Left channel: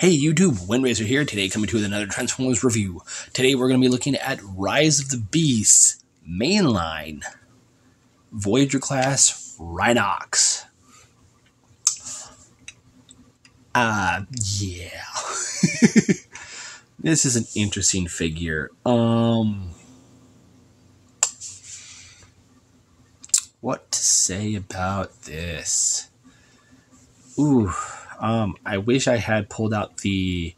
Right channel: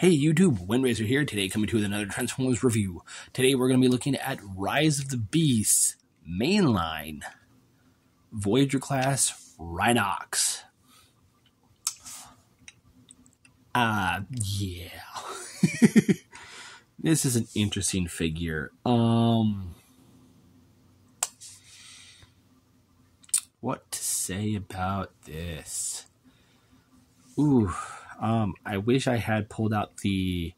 Hey YouTube, Windracer here, today coming to you with another Transformers review. Today we're going to be looking at Rise of the Beasts Mainline Voyager class Rhinox. Yeah. This is an interesting figure. What to say about this? I wish I had pulled out the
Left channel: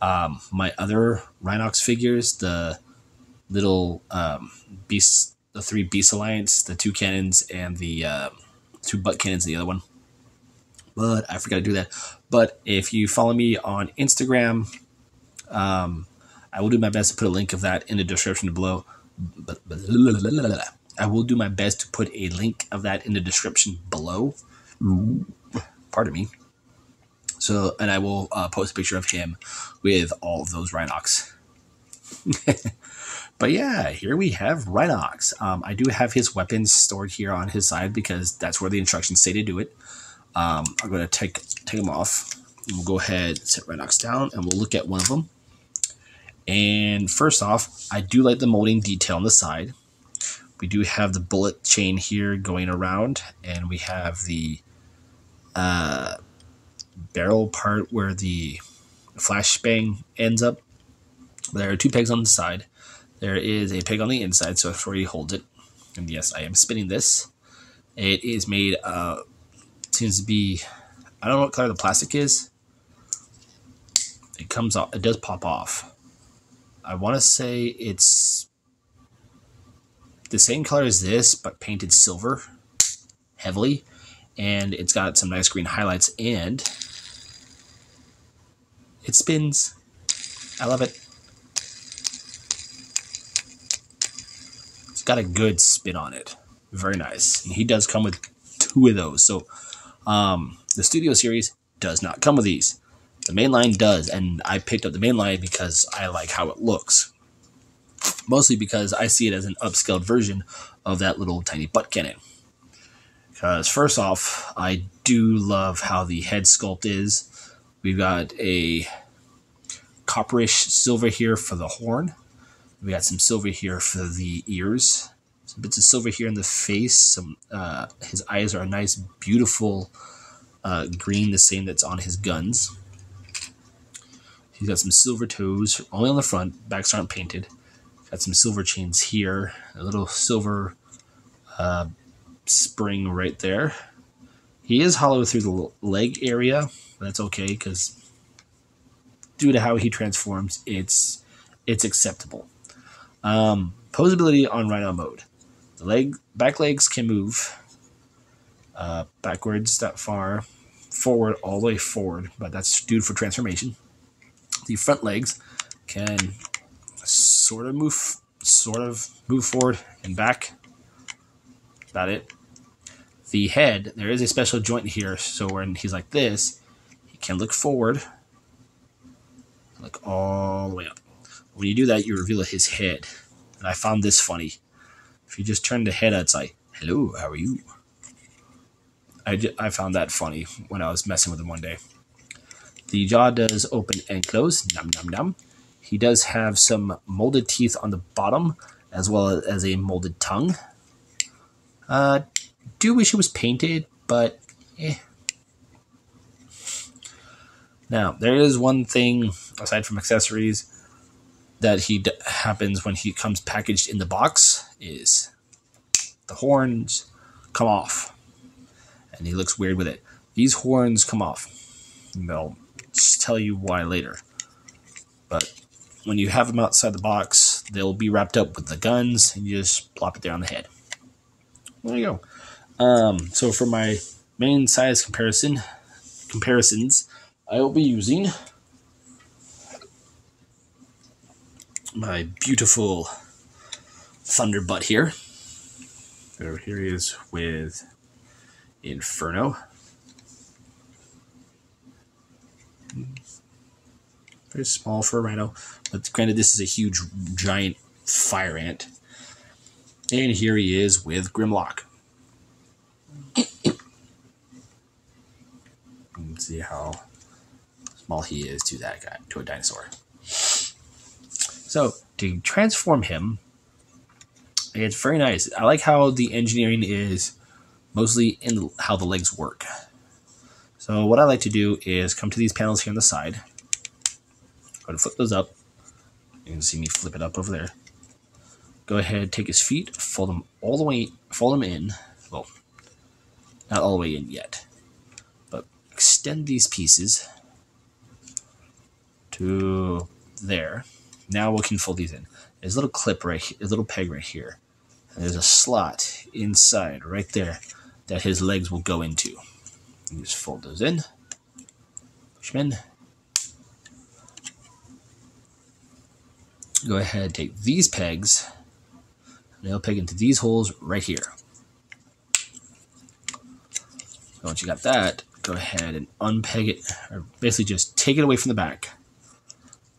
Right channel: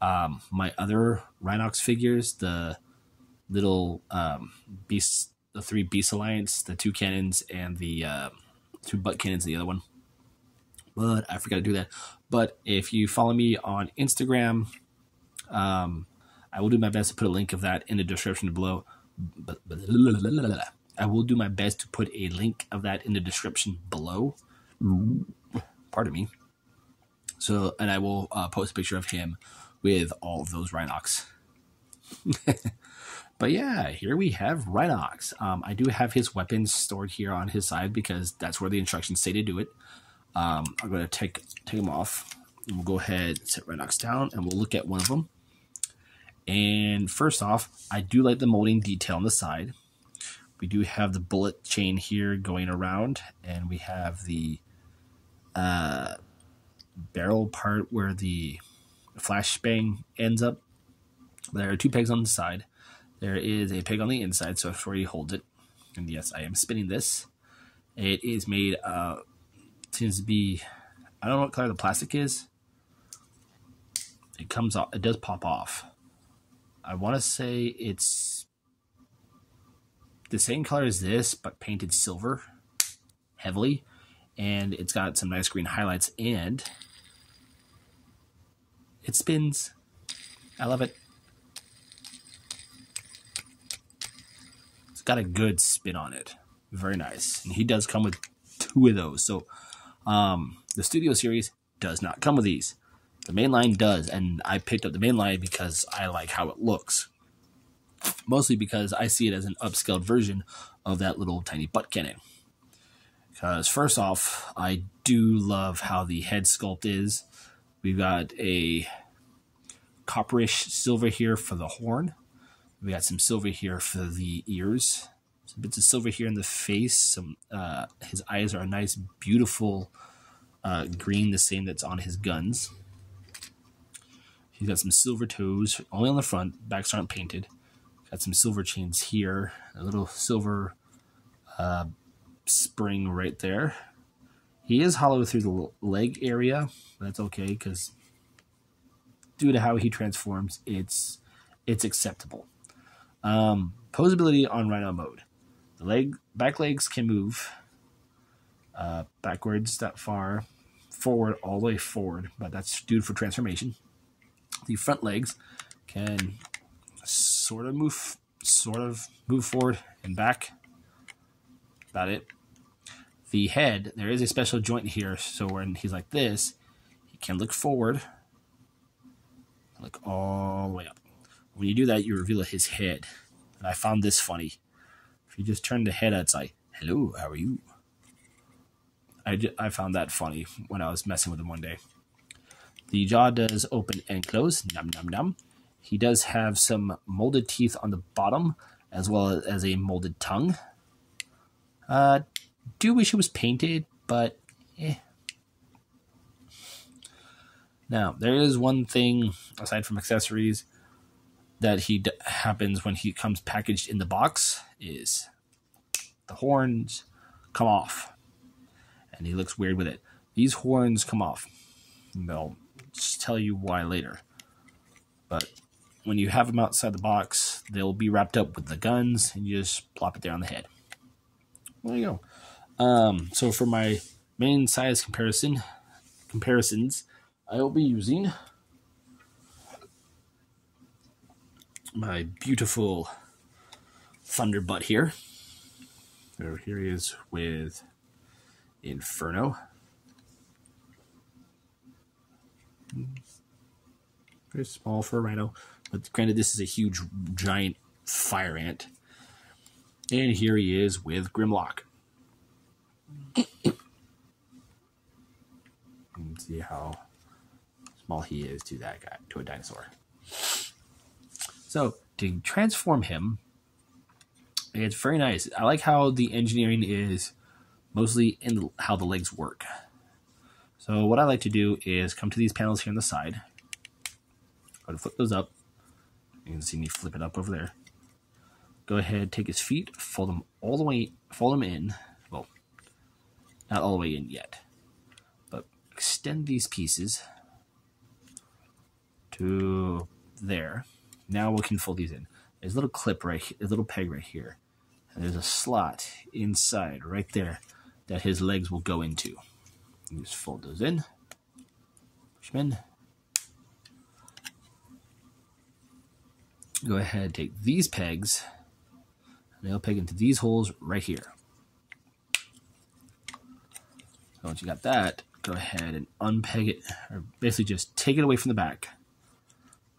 my other Rhinox figures, the little beasts, the 3 Beast Alliance, the 2 cannons, and the 2 butt cannons, the other one. But I forgot to do that. But if you follow me on Instagram, I will do my best to put a link of that in the description below. I will do my best to put a link of that in the description below. Pardon me. So, and I will post a picture of him with all of those Rhinox. But yeah, here we have Rhinox. I do have his weapons stored here on his side because that's where the instructions say to do it. I'm going to take them off. And we'll go ahead and set Rhinox down and we'll look at one of them. And first off, I do like the molding detail on the side. We do have the bullet chain here going around, and we have the barrel part where the flashbang ends up. There are 2 pegs on the side. There is a peg on the inside, so it's where he holds it. And yes, I am spinning this. It is made, seems to be, I don't know what color the plastic is. It comes off, it does pop off. I want to say it's the same color as this, but painted silver heavily. And it's got some nice green highlights, and it spins. I love it. It's got a good spin on it. Very nice. And he does come with 2 of those. So the Studio Series does not come with these. The mainline does, and I picked up the mainline because I like how it looks. Mostly because I see it as an upscaled version of that little tiny butt cannon. Because first off, I do love how the head sculpt is. We've got a copperish silver here for the horn. We got some silver here for the ears. Some bits of silver here in the face. Some his eyes are a nice, beautiful green, the same that's on his guns. He's got some silver toes, only on the front. Backs aren't painted. Got some silver chains here. A little silver spring right there. He is hollow through the leg area. That's okay, because due to how he transforms, it's acceptable. Posability on Rhino mode. The back legs can move backwards that far, forward all the way forward, but that's due for transformation. The front legs can sort of move forward and back. That's about it. The head, there is a special joint here, so when he's like this, he can look forward, look all the way up. When you do that, you reveal his head. And I found this funny. If you just turn the head out, it's like, hello, how are you? I found that funny when I was messing with him one day. The jaw does open and close. Nom nom nom. He does have some molded teeth on the bottom, as well as a molded tongue. Do wish it was painted, but eh. Now, there is one thing, aside from accessories, that happens when he comes packaged in the box, is the horns come off. And he looks weird with it. These horns come off. And they'll just tell you why later. But when you have them outside the box, they'll be wrapped up with the guns, and you just plop it there on the head. There you go. So for my main size comparisons, I will be using my beautiful Thunderbutt here. So here he is with Inferno. Very small for a Rhino, but granted this is a huge, giant fire ant. And here he is with Grimlock. Let's see how small he is to that guy, to a dinosaur. So to transform him, it's very nice. I like how the engineering is mostly in how the legs work. So what I like to do is come to these panels here on the side. Go to flip those up. You can see me flip it up over there. Go ahead, take his feet, fold them all the way, fold them in. Well, not all the way in yet, but extend these pieces to there. Now we can fold these in. There's a little clip right here, a little peg right here. And there's a slot inside right there that his legs will go into. You just fold those in, push them in. Go ahead, take these pegs, and they'll peg into these holes right here. So once you got that, go ahead and unpeg it, or basically just take it away from the back.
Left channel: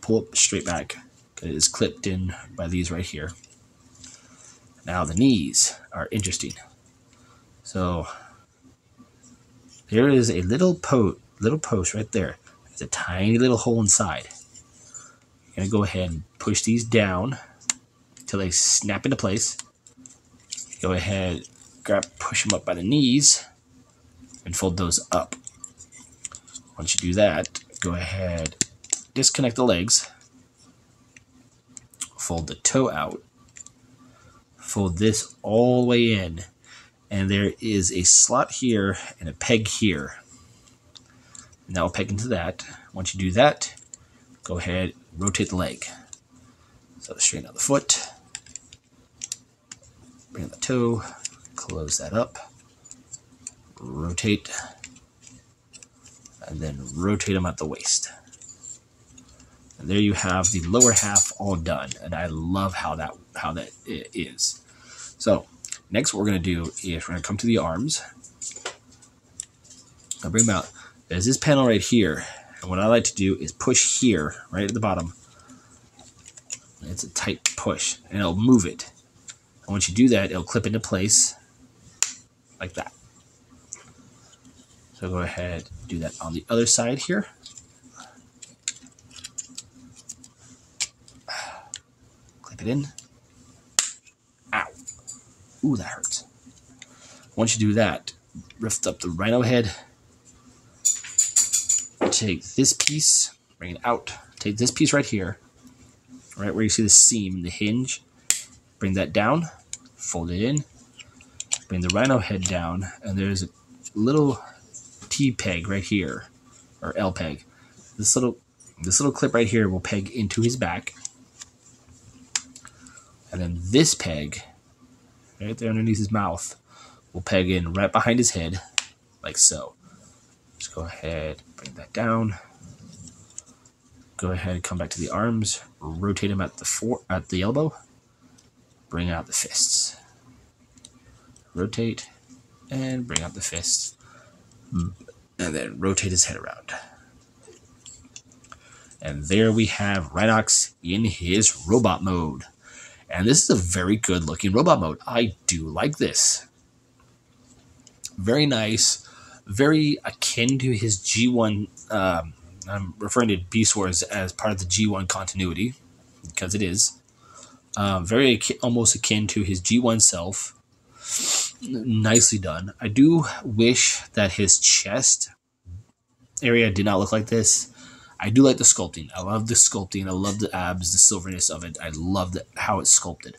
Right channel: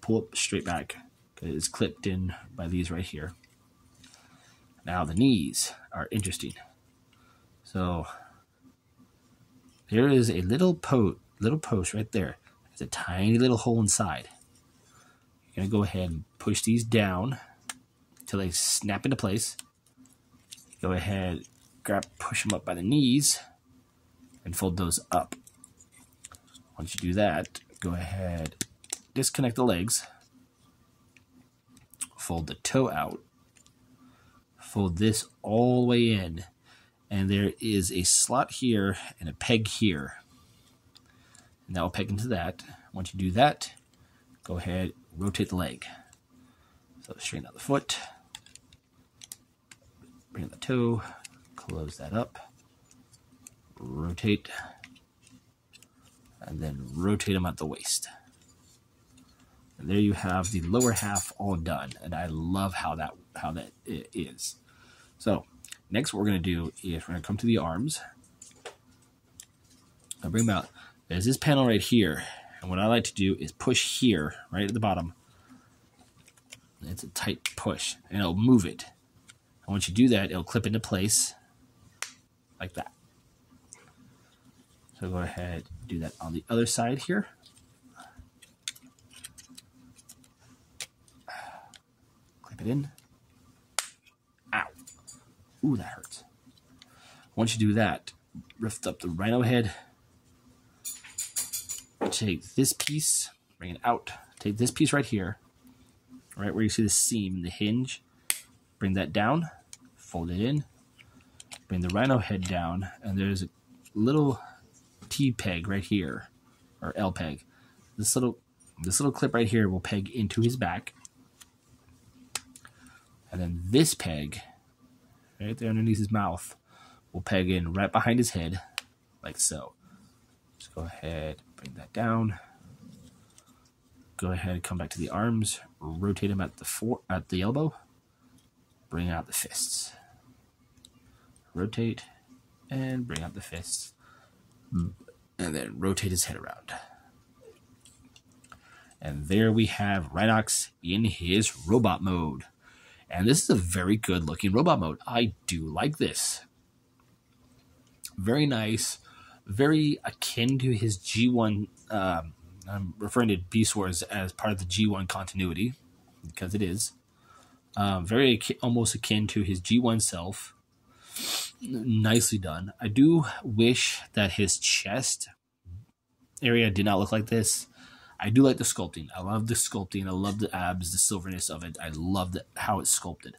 Pull it straight back. It is clipped in by these right here. Now the knees are interesting. So there is a little post right there. There's a tiny little hole inside. You're gonna go ahead and push these down until they snap into place. Go ahead, push them up by the knees, and fold those up. Once you do that, go ahead, disconnect the legs, fold the toe out, fold this all the way in, and there is a slot here and a peg here. And that will peg into that. Once you do that, go ahead, rotate the leg. So straighten out the foot, bring in the toe, close that up, rotate, and then rotate them at the waist. And there you have the lower half all done, and I love how that is. So next what we're going to do is we're going to come to the arms. I'll bring them out. There's this panel right here, and what I like to do is push here, right at the bottom. It's a tight push, and it'll move it. And once you do that, it'll clip into place like that. So go ahead, do that on the other side here. Clip it in. Ow. Ooh, that hurts. Once you do that, lift up the rhino head. Take this piece, bring it out. Take this piece right here, right where you see the seam, the hinge. Bring that down, fold it in. Bring the rhino head down, and there's a little T peg right here, or L peg. This little clip right here will peg into his back, and then this peg right there underneath his mouth will peg in right behind his head, like so. Just go ahead, bring that down. Go ahead, come back to the arms, rotate them at the elbow, bring out the fists. Rotate and bring out the fists, and then rotate his head around. And there we have Rhinox in his robot mode. And this is a very good looking robot mode. I do like this. Very nice, very akin to his G1. I'm referring to Beast Wars as part of the G1 continuity, because it is. Very almost akin to his G1 self. Nicely done. I do wish that his chest area did not look like this. I do like the sculpting. I love the sculpting. I love the abs, the silverness of it. I love how it's sculpted.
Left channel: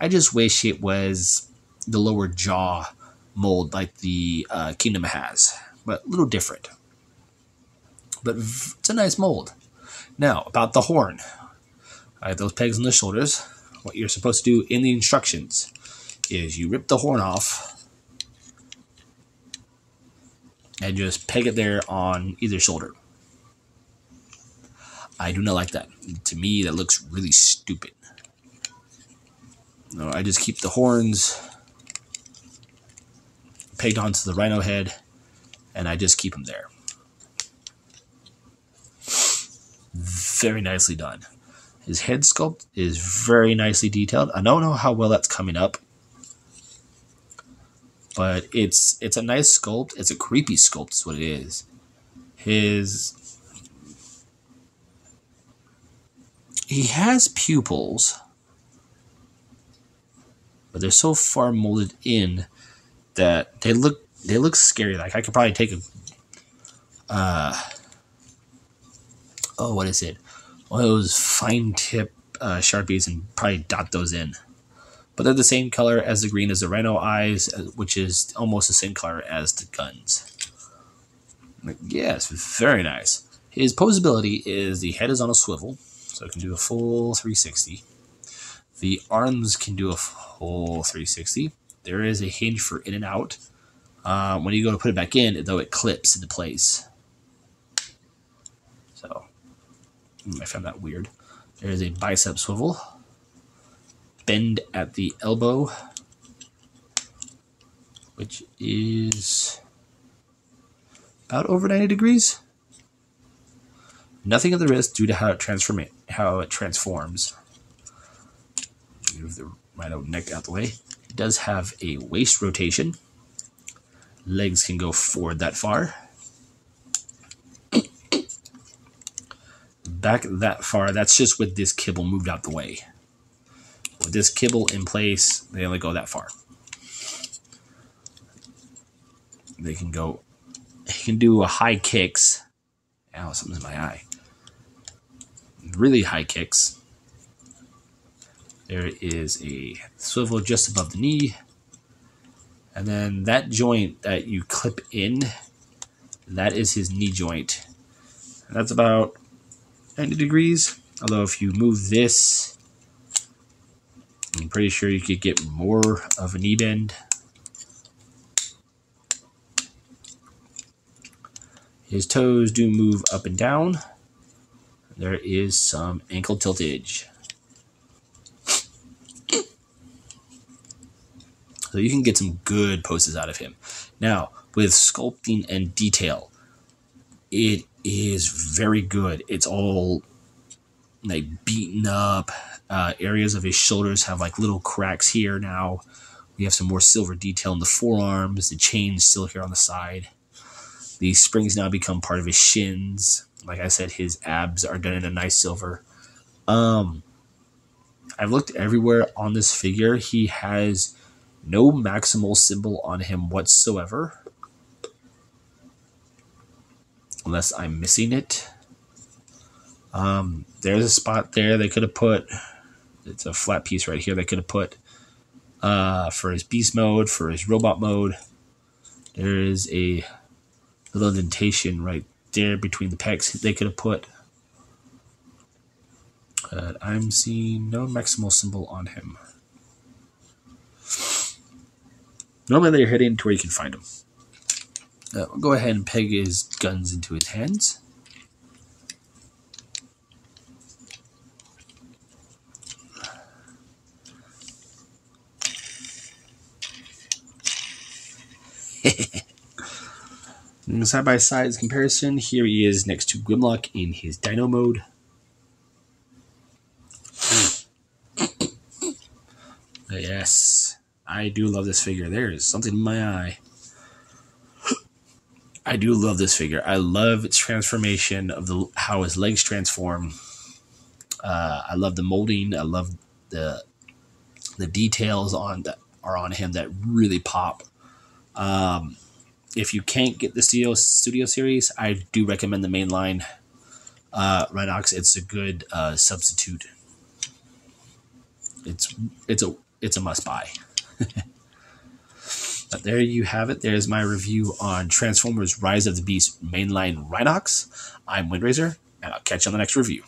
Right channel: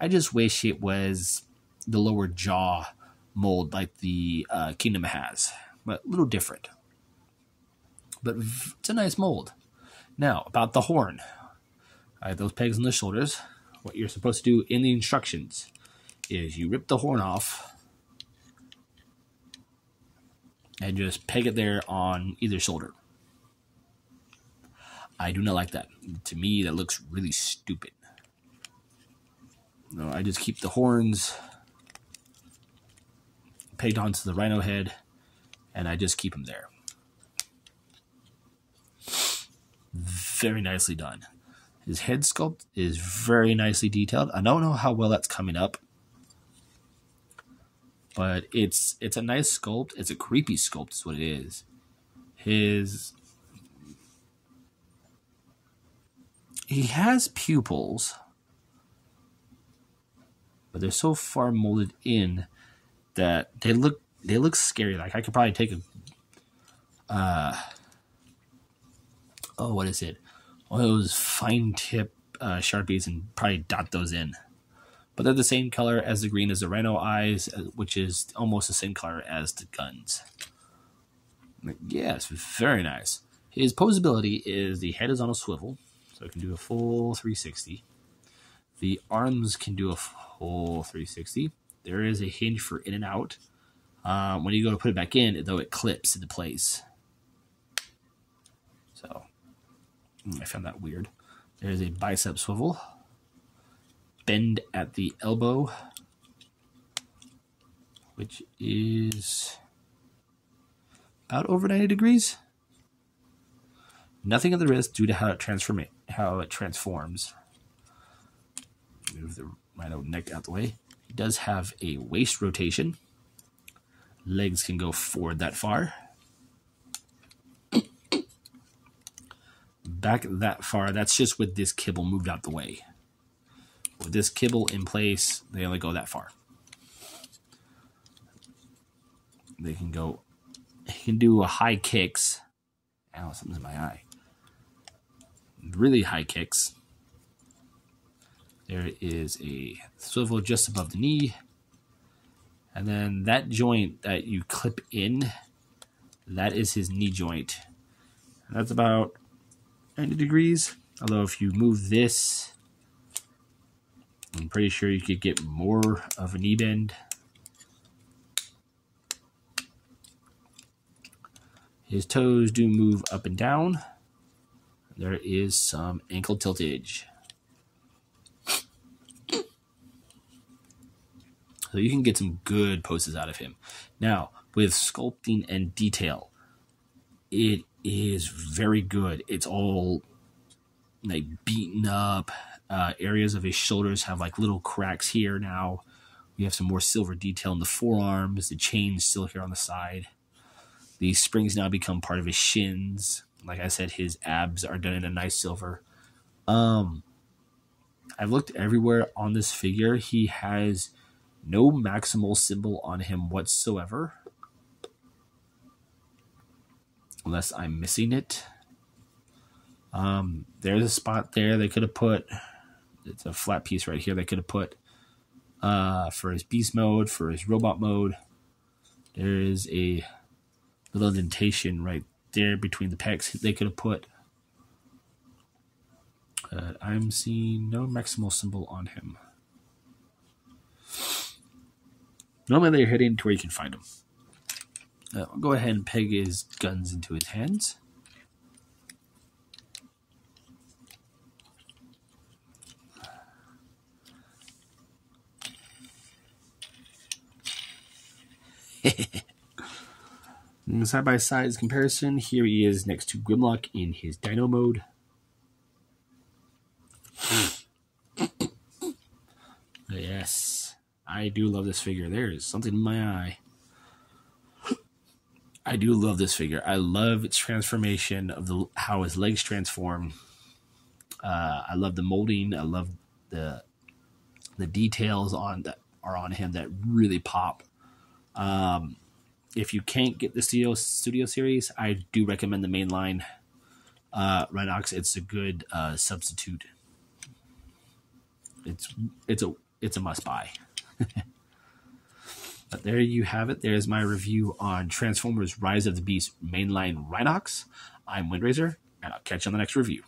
I just wish it was the lower jaw mold like the Kingdom has, but a little different. But it's a nice mold. Now, about the horn. I have those pegs on the shoulders. What you're supposed to do in the instructions is you rip the horn off and just peg it there on either shoulder. I do not like that. To me, that looks really stupid. No, I just keep the horns pegged onto the rhino head, and I just keep them there. Very nicely done. His head sculpt is very nicely detailed. I don't know how well that's coming up, but it's a nice sculpt. It's a creepy sculpt is what it is. He has pupils, but they're so far molded in that they look scary. Like I could probably take a what is it? One of those fine tip Sharpies and probably dot those in. But they're the same color as the green as the Rhino eyes, which is almost the same color as the guns. Yes, very nice. His posability is the head is on a swivel, so it can do a full 360. The arms can do a full 360. There is a hinge for in and out. When you go to put it back in, though, it clips into place. So, I found that weird. There is a bicep swivel. Bend at the elbow, which is about over 90 degrees. Nothing at the wrist due to how it transforms. Move the Rhino neck out the way. It does have a waist rotation. Legs can go forward that far. Back that far. That's just with this kibble moved out the way. With this kibble in place, they only go that far. They can go. He can do a high kicks. Ow, something's in my eye. Really high kicks. There is a swivel just above the knee. And then that joint that you clip in, that is his knee joint. And that's about 90 degrees. Although if you move this, I'm pretty sure you could get more of a knee bend. His toes do move up and down. There is some ankle tiltage. So you can get some good poses out of him. Now, with sculpting and detail, it is very good. It's all like beaten up. Areas of his shoulders have like little cracks here now. We have some more silver detail in the forearms. The chain's still here on the side. The springs now become part of his shins. Like I said, his abs are done in a nice silver. I've looked everywhere on this figure. He has no maximal symbol on him whatsoever. Unless I'm missing it. There's a spot there they could have put. It's a flat piece right here they could have put for his beast mode, for his robot mode. There is a little indentation right there between the pecs they could have put. But I'm seeing no maximal symbol on him. Normally they're heading to where you can find them. We'll go ahead and peg his guns into his hands. Side by side comparison, here he is next to Grimlock in his Dino mode. Yes, I do love this figure. There is something in my eye. I do love this figure. I love its transformation of how his legs transform. I love the molding. I love the details that are on him that really pop. If you can't get the studio series, I do recommend the mainline Rhinox. It's a good substitute. It's a must buy. But there you have it. There's my review on Transformers Rise of the Beast mainline Rhinox. I'm Windraiser, and I'll catch you on the next review.